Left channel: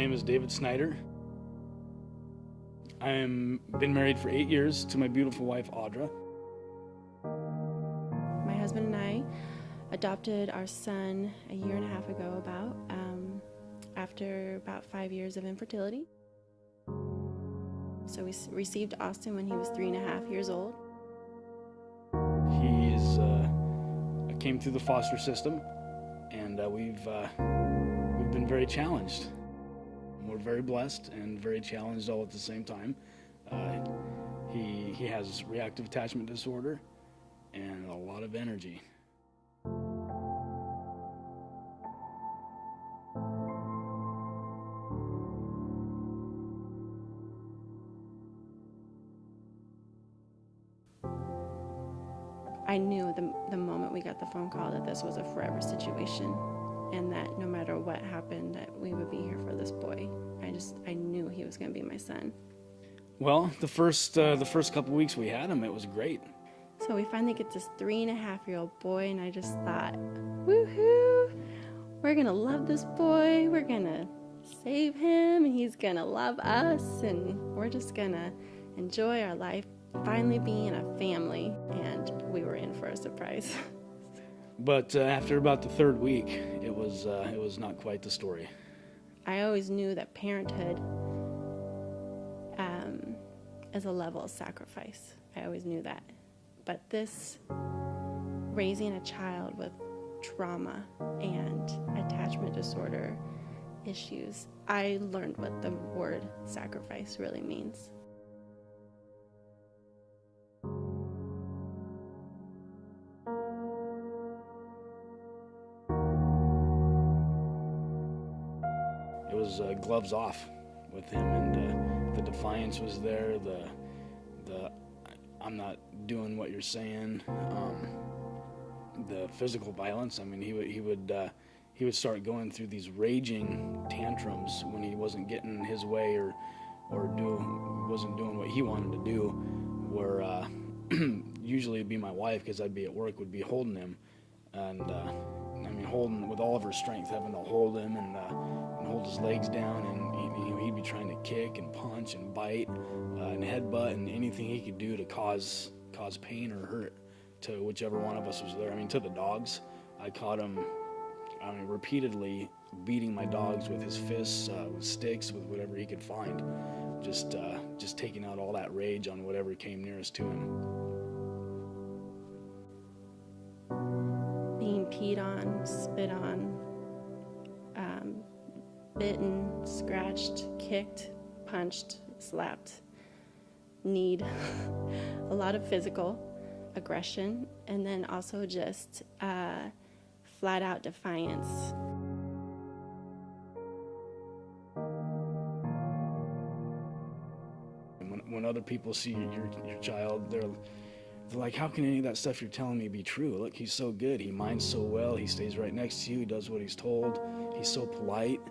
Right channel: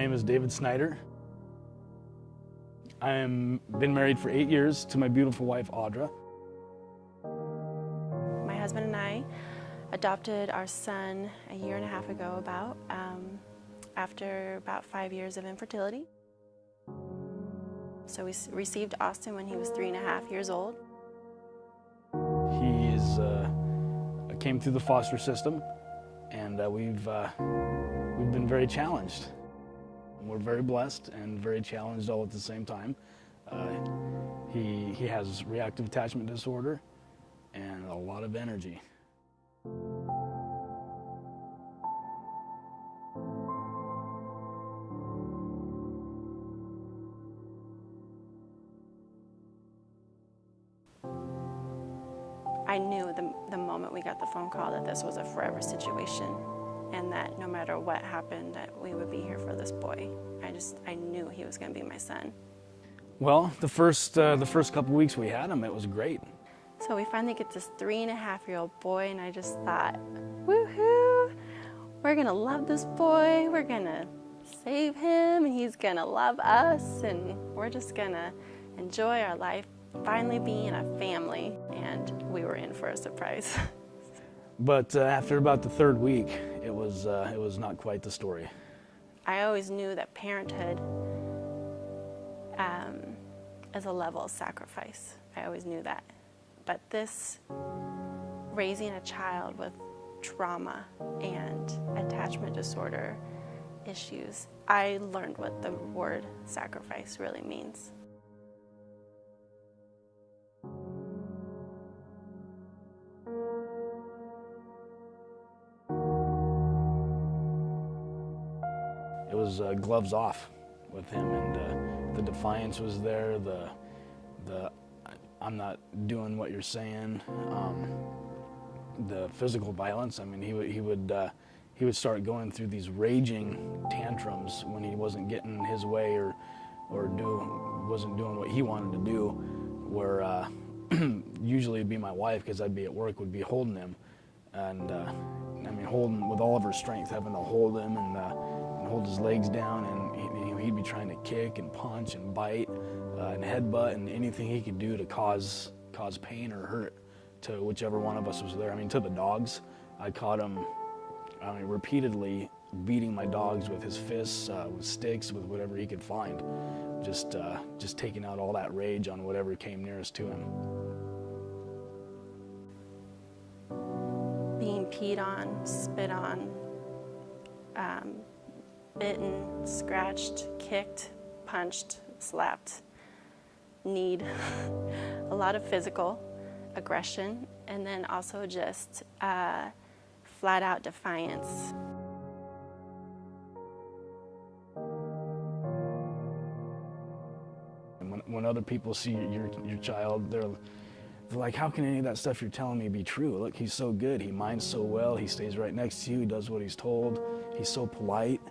name is David Snyder. I've been married for 8 years to my beautiful wife, Audra. My husband and I adopted our son a year and a half ago after about 5 years of infertility. So we received Austin when he was 3.5 years old. He's came through the foster system, and we've been very challenged. We're very blessed and very challenged all at the same time. He has reactive attachment disorder and a lot of energy. I knew the moment we got the phone call that this was a forever situation, and that no matter what happened, that we would be here for this boy. I knew he was going to be my son. Well, the first couple weeks we had him, it was great. So we finally get this 3.5-year-old boy, and I just thought, woohoo! We're going to love this boy. We're going to save him. He's going to love us, and we're just going to enjoy our life, finally being a family. And we were in for a surprise. But after about the third week, it was not quite the story. I always knew that parenthood is a level of sacrifice. I always knew that. But this, raising a child with trauma and attachment disorder issues, I learned what the word sacrifice really means. It was gloves off with him, and the defiance was there. The I'm not doing what you're saying. The physical violence. I mean, he would start going through these raging tantrums when he wasn't getting his way or wasn't doing what he wanted to do. Where usually it'd be my wife, because I'd be at work, would be holding him, and holding with all of her strength, having to hold him and hold his legs down, and he'd be trying to kick and punch and bite and headbutt and anything he could do to cause pain or hurt to whichever one of us was there. I mean, to the dogs. I caught him repeatedly beating my dogs with his fists, with sticks, with whatever he could find, just taking out all that rage on whatever came nearest to him. Being peed on, spit on, bitten, scratched, kicked, punched, slapped, kneed, a lot of physical aggression, and then also just flat out defiance. When other people see your child, they're like, how can any of that stuff you're telling me be true? Look, he's so good. He minds so well. He stays right next to you. He does what he's told. He's so polite.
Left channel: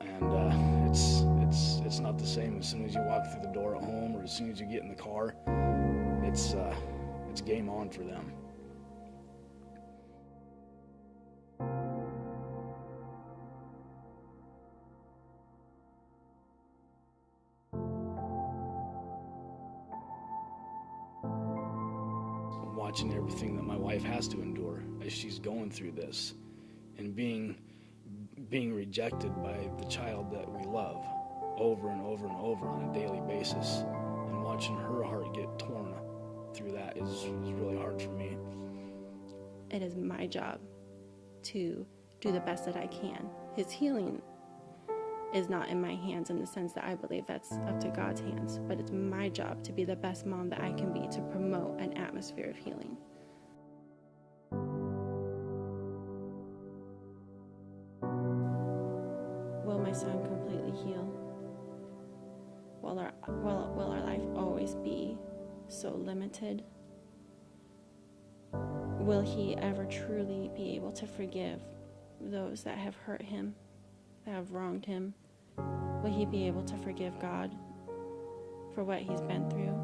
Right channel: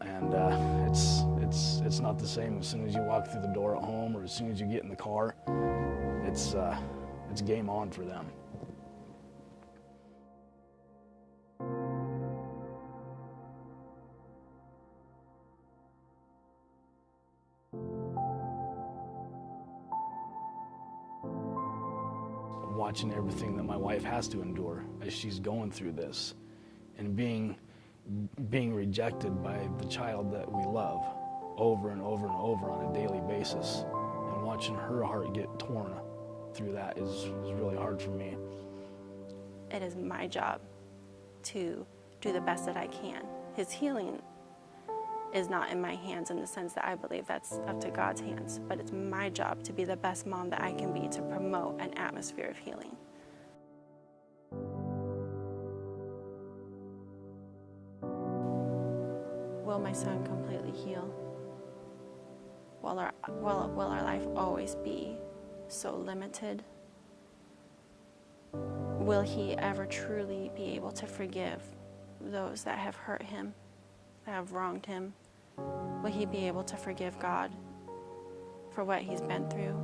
And it's not the same as soon as you walk through the door at home or as soon as you get in the car. It's game on for them. Watching everything that my wife has to endure as she's going through this, and being rejected by the child that we love over and over and over on a daily basis, and watching her heart get torn through that is really hard for me. It is my job to do the best that I can. His healing is not in my hands, in the sense that I believe that's up to God's hands, but it's my job to be the best mom that I can be, to promote an atmosphere of healing. Will my son completely heal? Will our life always be so limited? Will he ever truly be able to forgive those that have hurt him, that have wronged him? Will he be able to forgive God for what he's been through?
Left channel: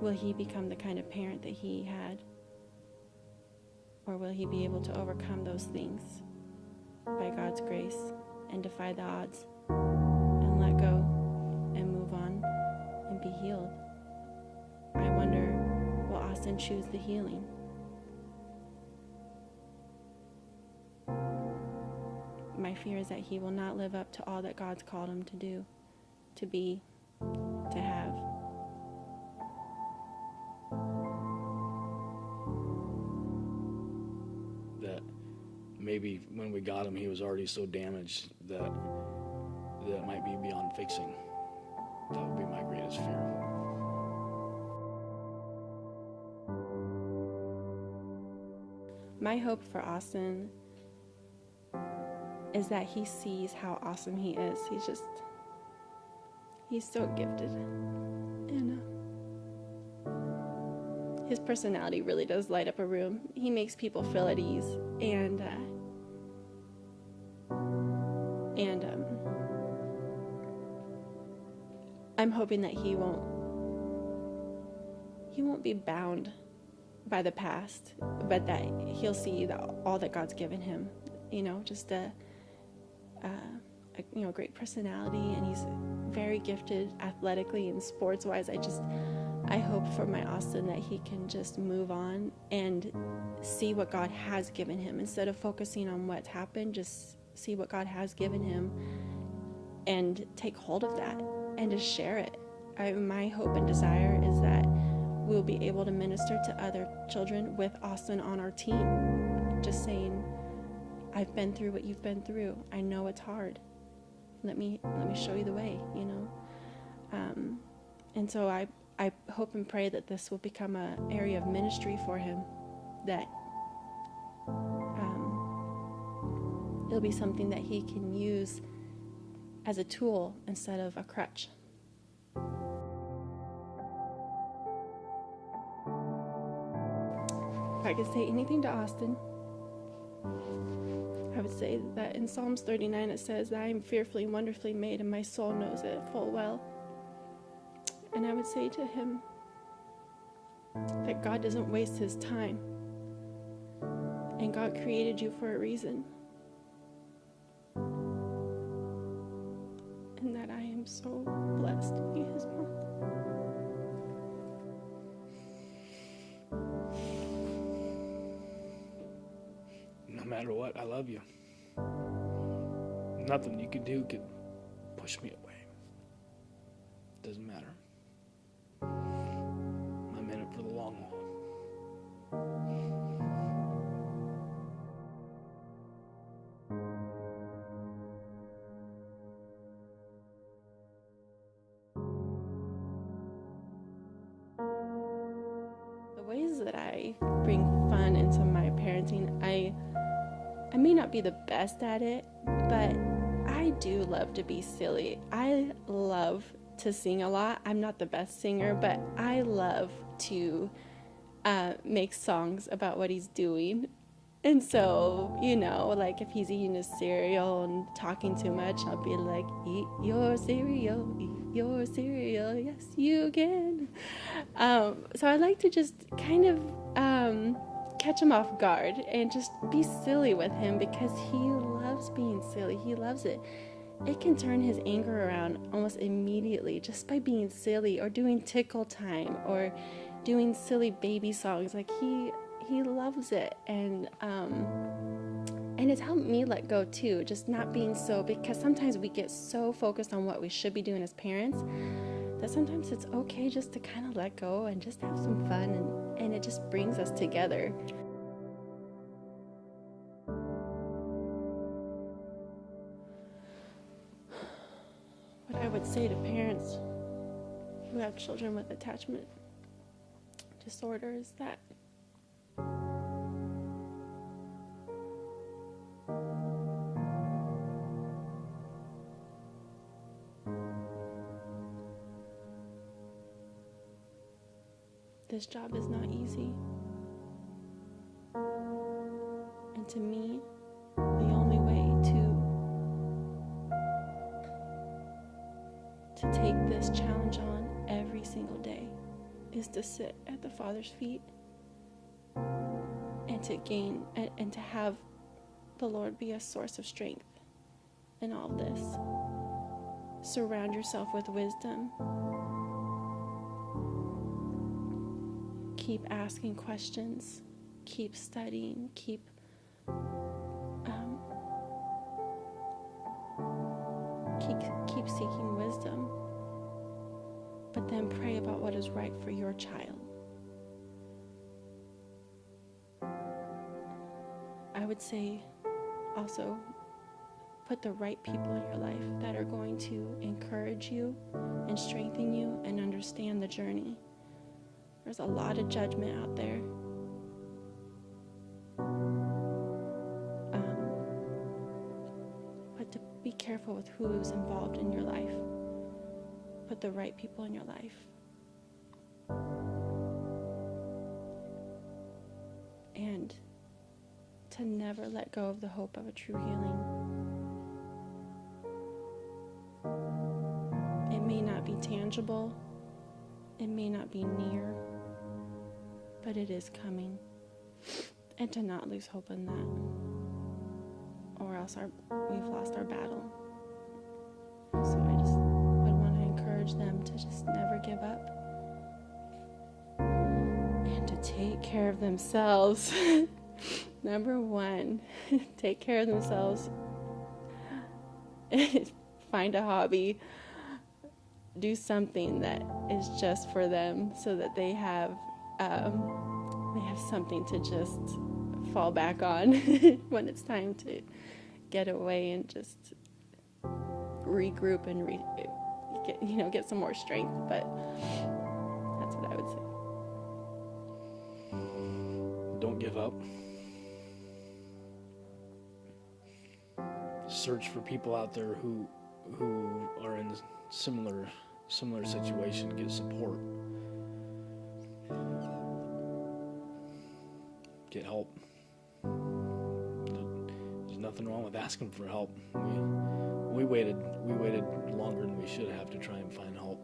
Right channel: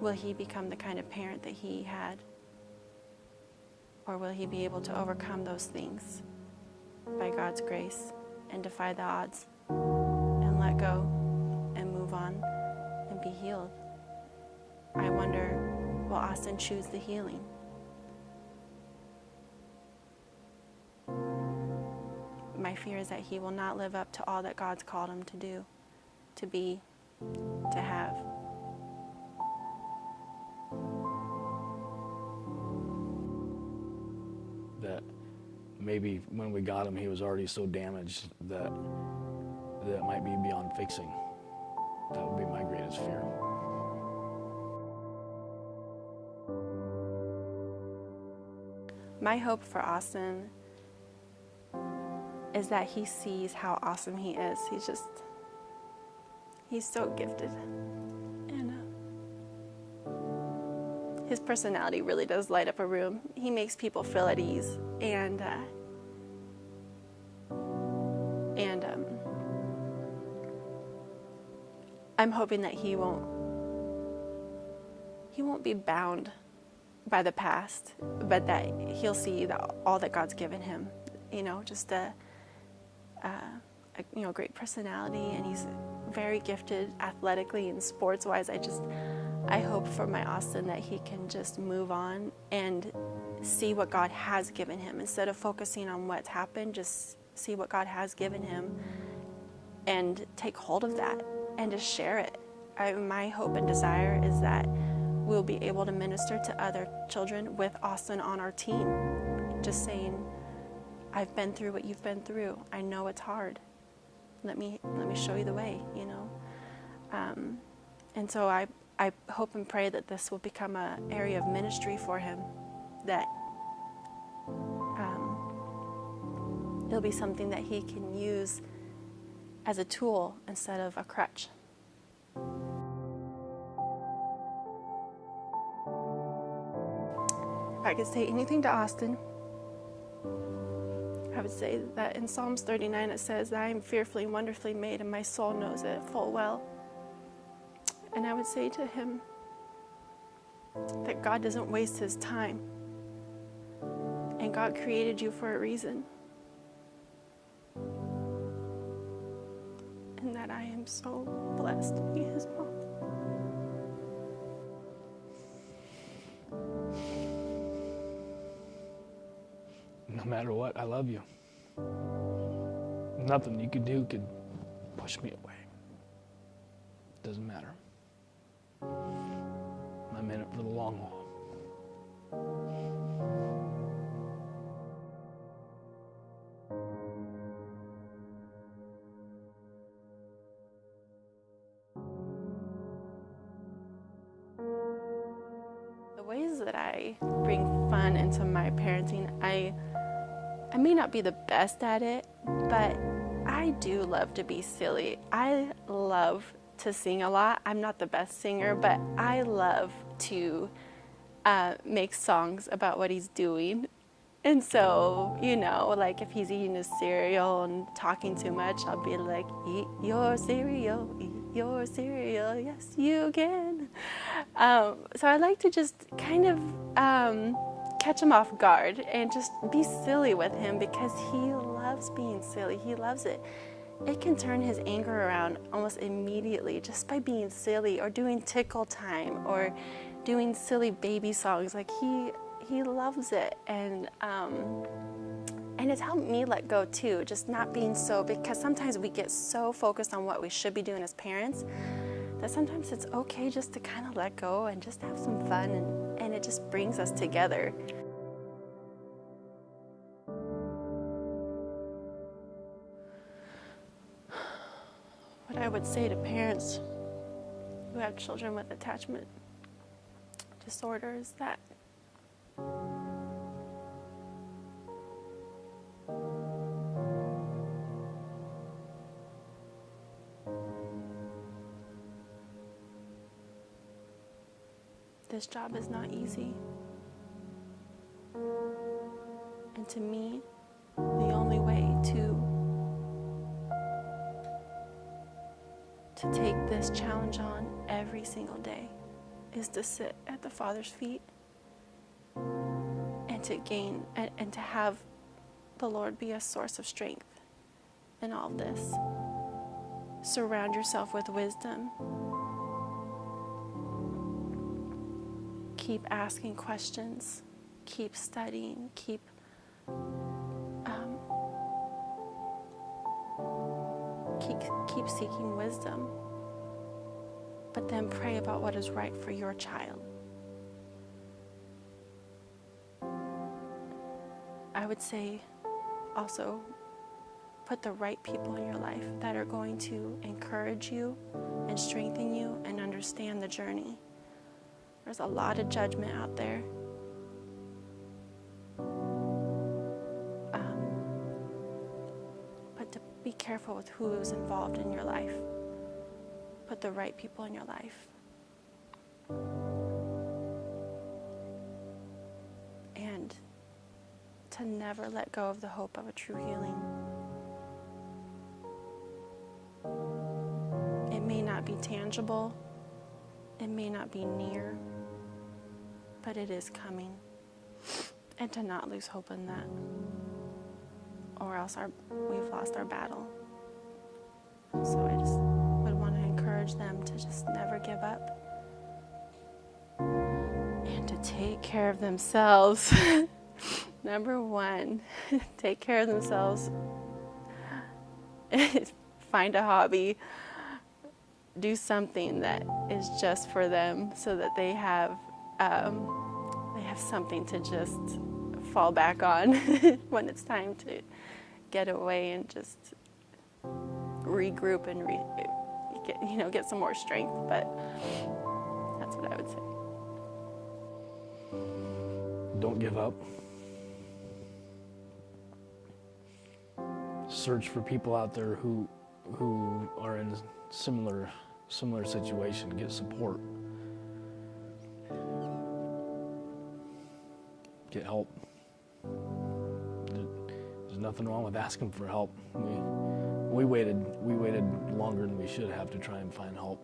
Will he become the kind of parent that he had? Or will he be able to overcome those things by God's grace and defy the odds and let go and move on and be healed? I wonder, will Austin choose the healing? My fear is that he will not live up to all that God's called him to do, to be, to have. That maybe when we got him, he was already so damaged that it might be beyond fixing. That would be my greatest fear. My hope for Austin is that he sees how awesome he is. He's so gifted. And his personality really does light up a room. He makes people feel at ease. And I'm hoping that he won't be bound by the past, but that he'll see all that God's given him. Just a great personality, and he's very gifted athletically and sports-wise. I hope for my Austin that he can just move on and see what God has given him instead of focusing on what's happened. Just see what God has given him and take hold of that and just share it. My hope and desire is that we'll be able to minister to other children with Austin on our team, just saying, I've been through what you've been through. I know it's hard. Let me show you the way, And so I hope and pray that this will become an area of ministry for him, that it'll be something that he can use as a tool instead of a crutch. If I could say anything to Austin, I would say that in Psalms 39 it says that I am fearfully and wonderfully made, and my soul knows it full well. And I would say to him that God doesn't waste his time, and God created you for a reason, and that I am so blessed to be his mom. No matter what, I love you. Nothing you could do could push me away. Doesn't matter. I'm in it for the long haul. The ways that I bring fun into my parenting, I may not be the best at it, but I do love to be silly. I love to sing a lot. I'm not the best singer, but I love to make songs about what he's doing. And so, like if he's eating his cereal and talking too much, I'll be like, eat your cereal, yes you can. So I like to just kind of catch him off guard and just be silly with him, because he loves being silly. He loves it. It can turn his anger around almost immediately just by being silly or doing tickle time or doing silly baby songs. Like he loves it, and it's helped me let go too, just not being so, because sometimes we get so focused on what we should be doing as parents that sometimes it's okay just to kind of let go and just have some fun, and it just brings us together. What I would say to parents who have children with attachment disorder is that this job is not easy. And to me, the only way to take this challenge on every single day is to sit at the Father's feet and and to gain and to have the Lord be a source of strength in all this. Surround yourself with wisdom. Keep asking questions. Keep studying. Keep seeking wisdom. But then pray about what is right for your child. I would say also put the right people in your life that are going to encourage you and strengthen you and understand the journey. There's a lot of judgment out there. But to be careful with who is involved in your life. Put the right people in your life. And to never let go of the hope of a true healing. It may not be tangible, it may not be near, but it is coming. And to not lose hope in that, or else we've lost our battle. So I just would want to encourage them to just never give up and to take care of themselves. Number one, take care of themselves. Find a hobby. Do something that is just for them so that they have something to just fall back on when it's time to get away and just regroup and get some more strength. But that's what I would say. Don't give up. Search for people out there who are in similar situation. Get support. Get help. There's nothing wrong with asking for help. We waited longer than we should have to try and find help.